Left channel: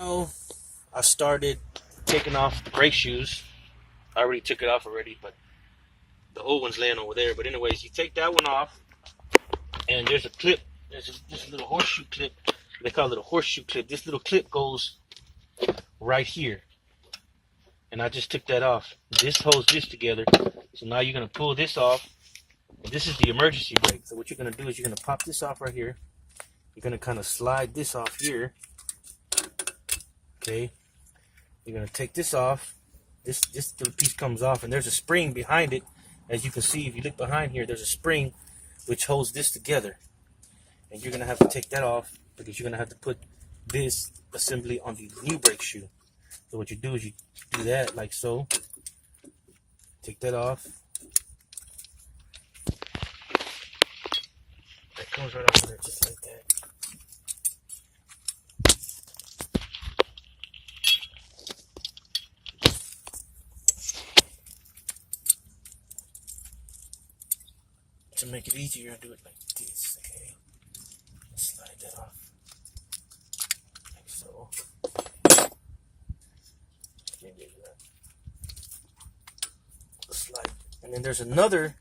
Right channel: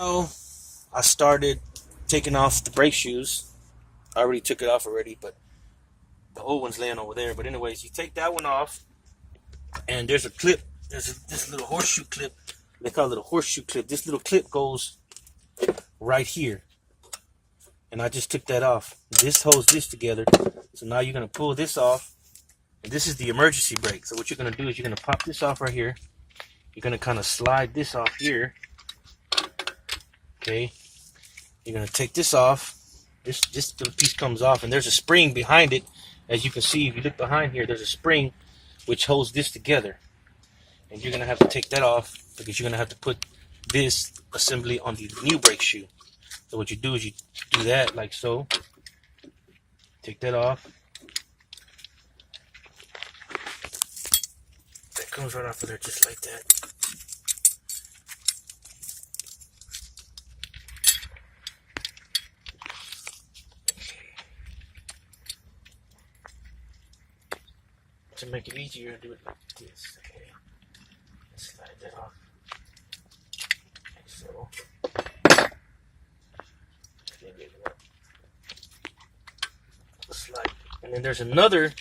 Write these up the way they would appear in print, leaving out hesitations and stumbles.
So I started taking off the brake shoes. I already took it off already, but the old one's laying over there. But anyways, you take that one off, and there's a clip. This little horseshoe clip. They call it a horseshoe clip. This little clip goes right here, and I just took that off. This holds this together. So now you're gonna pull this off, and this is the emergency brake. So what you're gonna do is you're gonna pop this off right here. You're gonna kind of slide this off here. Okay. You're gonna take this off. This little piece comes off, and there's a spring behind it. As you can see, if you look behind here, there's a spring which holds this together. And you're gonna have to take that off because you're gonna have to put this assembly on the new brake shoe. So what you do is you do that like so. Take that off. That comes right off of there just like that. To make it easier, do it like this. Okay. Slide that off. Like so. Slide. And then there's another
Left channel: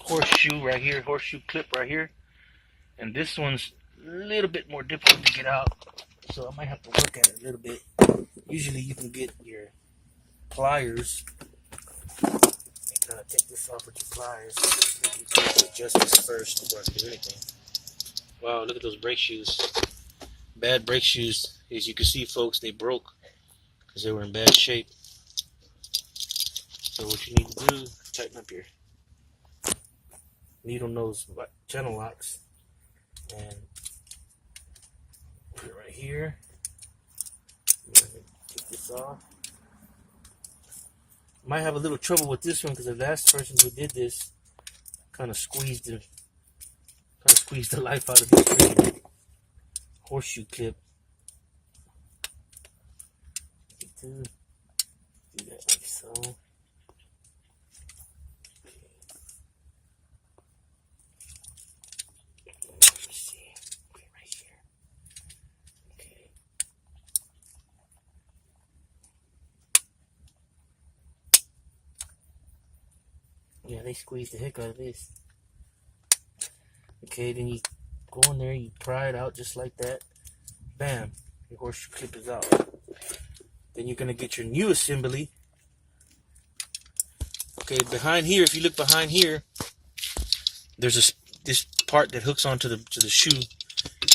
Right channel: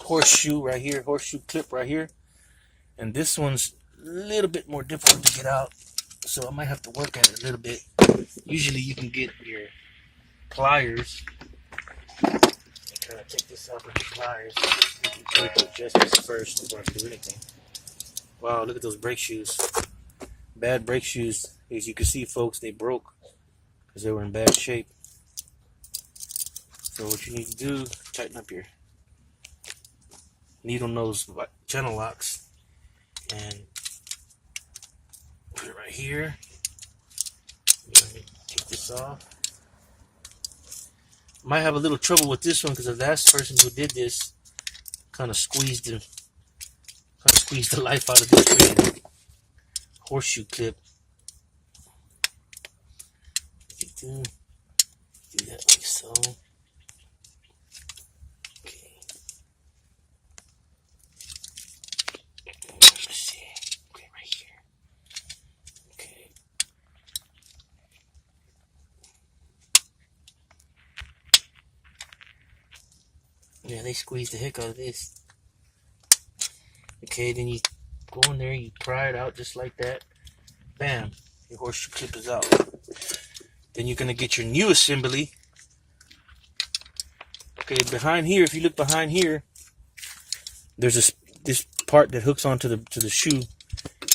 horseshoe right here, horseshoe clip right here. And this one's a little bit more difficult to get out. So I might have to work at it a little bit. Usually you can get your pliers. Kind of take this off with your pliers. You can adjust this first before I do anything. Wow, look at those brake shoes. Bad brake shoes. As you can see, folks, they broke because they were in bad shape. So what you need to do, tighten up your needle nose channel locks and put it right here. Let me take this off. Might have a little trouble with this one because the last person who did this kind of squeezed the life out of this horseshoe clip. Do that like so. Okay. Let's see. Okay, right here. Okay. Yeah, they squeezed the heck out of this. Okay, then you go in there, you pry it out just like that. Bam, your horseshoe clip is out. Then you're gonna get your new assembly. Okay, behind here, if you look behind here, there's this part that hooks onto the shoe.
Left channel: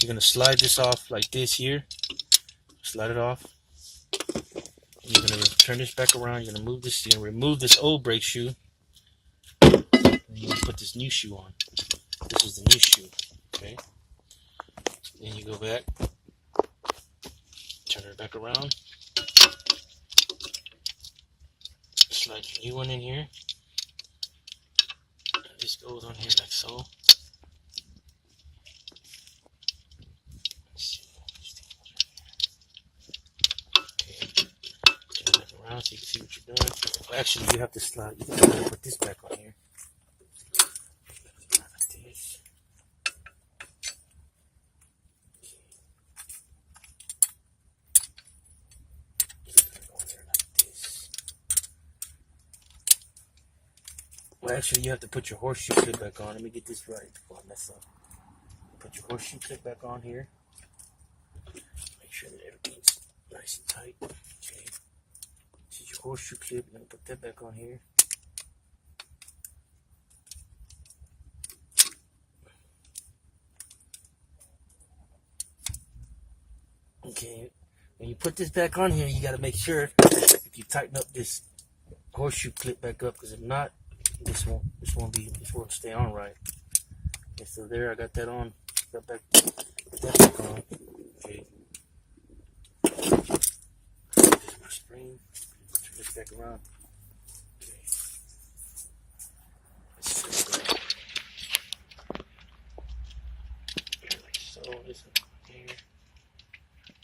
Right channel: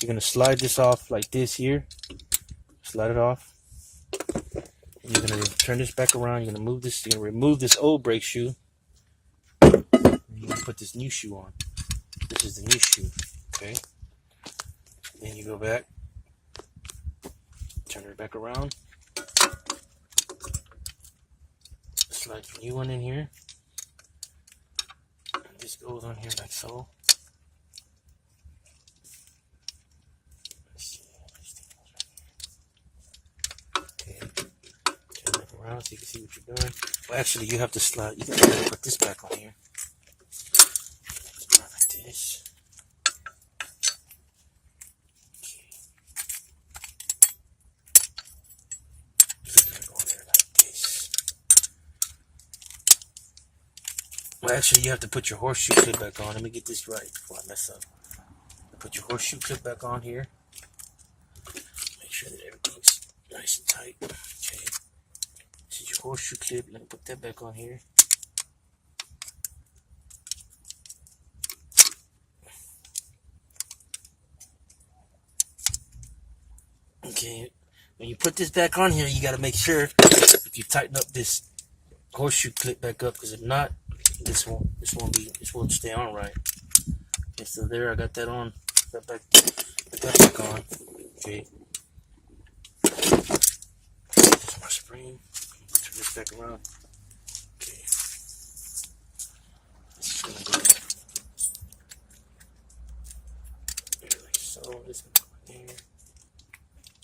You're gonna slide this off like this here. Slide it off. And you're gonna turn this back around. You're gonna move this. You're gonna remove this old brake shoe. And you're gonna put this new shoe on. This is the new shoe. Okay. Then you go back. Turn it back around. Slide your new one in here. And this goes on here like so. Let's see. Okay. Turn it around so you can see what you're doing. Well, actually, you have to slide. You gotta put this back on here. Like this. Okay. This is gonna go in there like this. Well, actually, you have to put your horseshoe clip back on. Let me get this right before I mess up. Put your horseshoe clip back on here. Make sure that everything's nice and tight. Okay. This is your horseshoe clip. Let me put that back on here. Okay. When you put this back on here, you got to make sure if you tighten up this horseshoe clip back up, because if not, this won't stay on right. Okay, so there, I got that on. Put that back on. Okay. There's my spring. Turn this back around. Okay. This is gonna go here like so. This one here.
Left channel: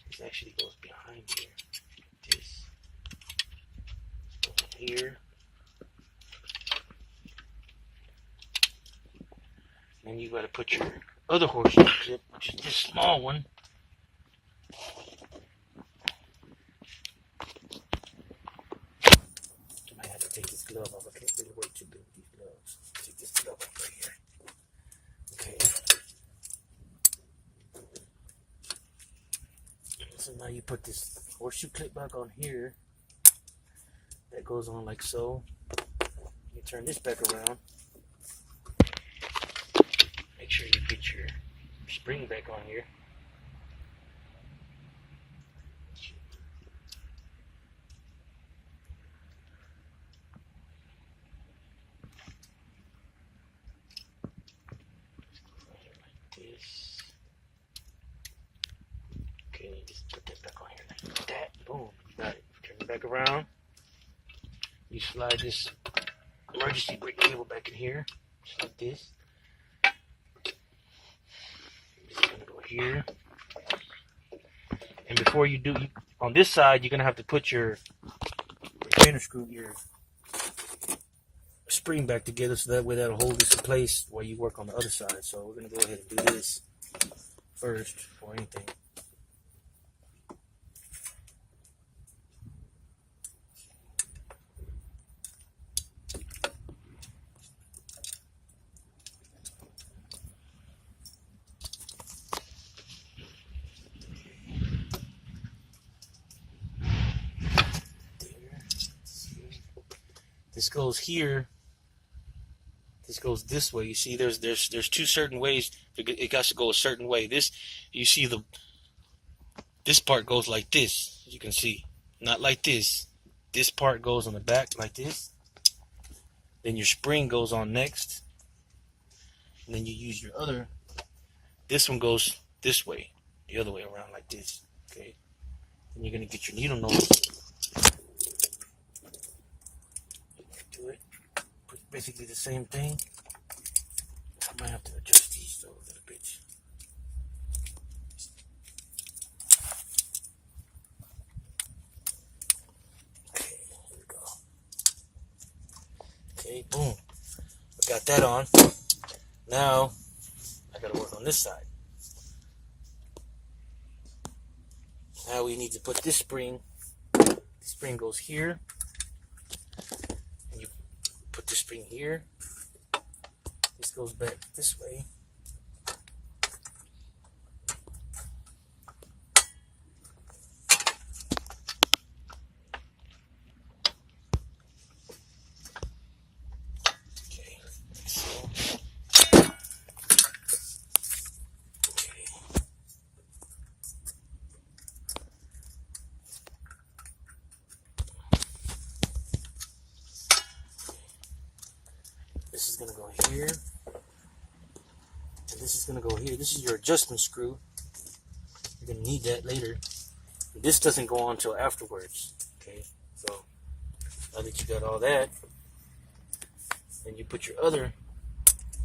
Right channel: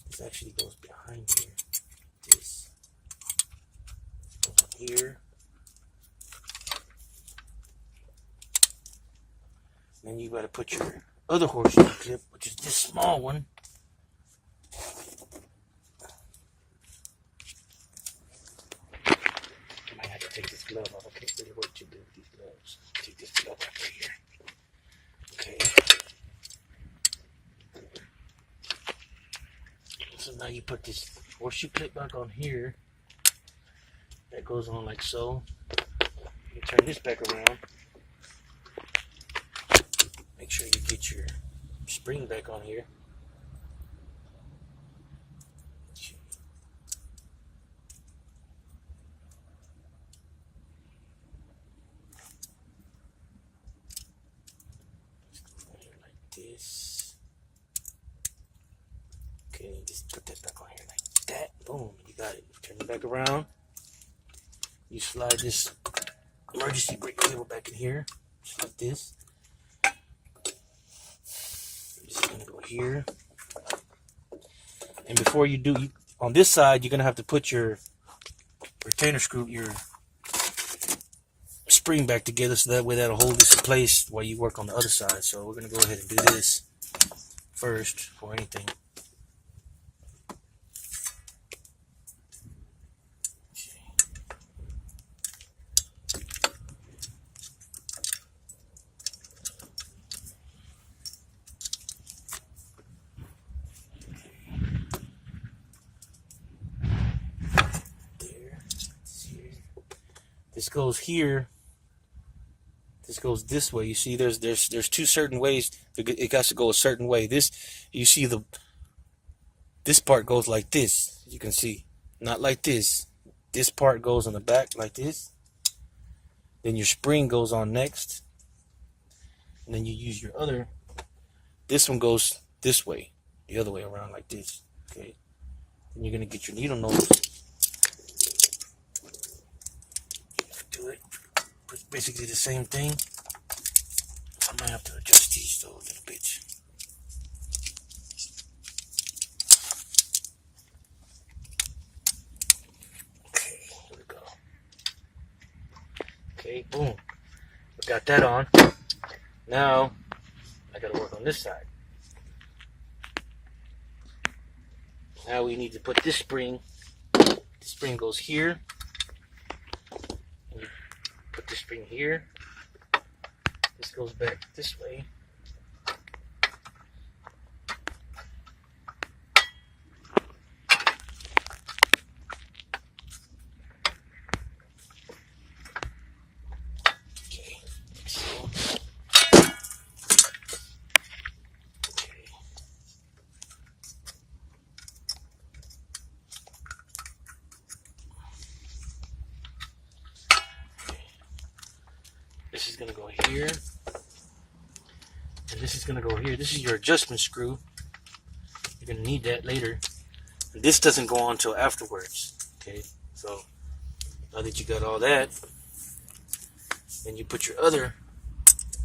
This actually goes behind here. This goes here. Then you got to put your other horseshoe clip, which is this small one, glove off. I can't really work too good with these gloves. Take this glove off right here. Okay. So now you put this horseshoe clip back on here. That goes on like so. You turn this back around. Make sure you get your spring back on here. This. Okay, just put that back on here like that. Boom, you got it. Turn it back around. You slide this emergency brake cable back in here, just like this. This is gonna go here. And before you do, on this side, you're gonna have to put your retainer screw, your spring back together, so that way that'll hold this in place while you work on the other side. So we're gonna go ahead and do this first before anything. This goes here. This goes this way. You see, there's two certain ways. It has to go a certain way. This, you see, this part goes like this. You can see, not like this. This part goes on the back like this. Then your spring goes on next. And then you use your other. This one goes this way, the other way around like this. Okay. Then you're gonna get your needle nose. Basically the same thing. I might have to adjust these though a little bit. Okay, here we go. Okay, boom. We got that on. Now I gotta work on this side. Now we need to put this spring. The spring goes here. Put the spring here. This goes back this way. Okay. This is going to go here, and this is going to go here. This is your adjustment screw. You're going to need that later. And this doesn't go on until afterwards. Okay, so now that you got all that, then you put your other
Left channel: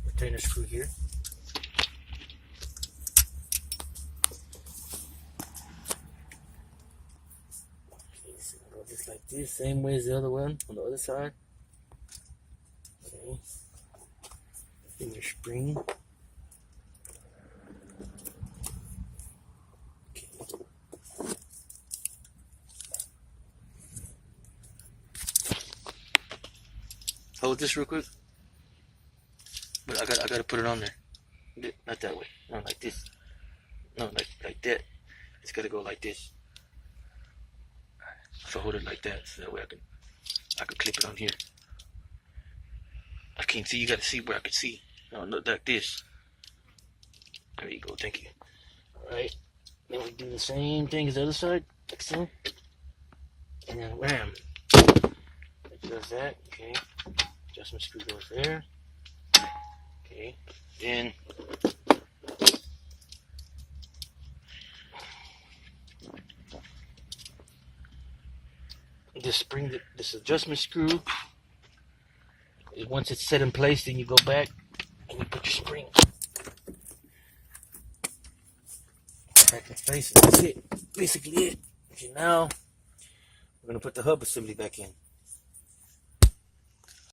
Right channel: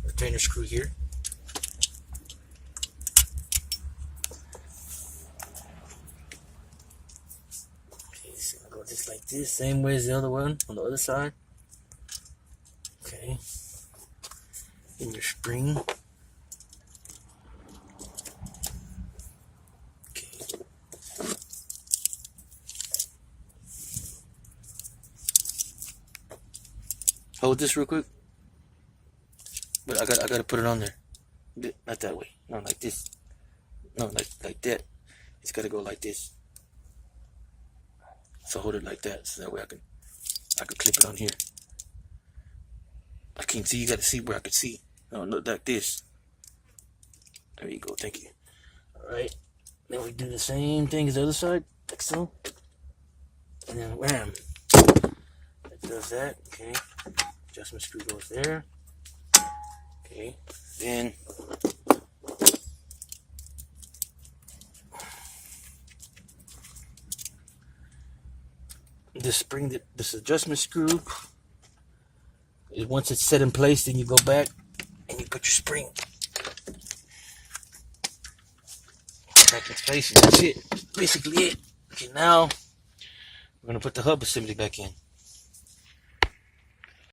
retainer screw here. Okay, so I'll go just like this, same way as the other one on the other side. Okay. In your spring. Okay. Hold this real quick. But I gotta put it on there. Not that way. No, like this. No, like that. It's gotta go like this. So hold it like that, so that way I can clip it on here. I can't see. You gotta see where I can see. No, look like this. There you go. Thank you. All right. Then we do the same thing as the other side, like so. And then wham. It does that. Okay. Adjustment screw goes there. Okay. Then this spring, this adjustment screw. Once it's set in place, then you go back and you put your spring back in place, and that's it. Basically it. Okay, now we're gonna put the hub assembly back in.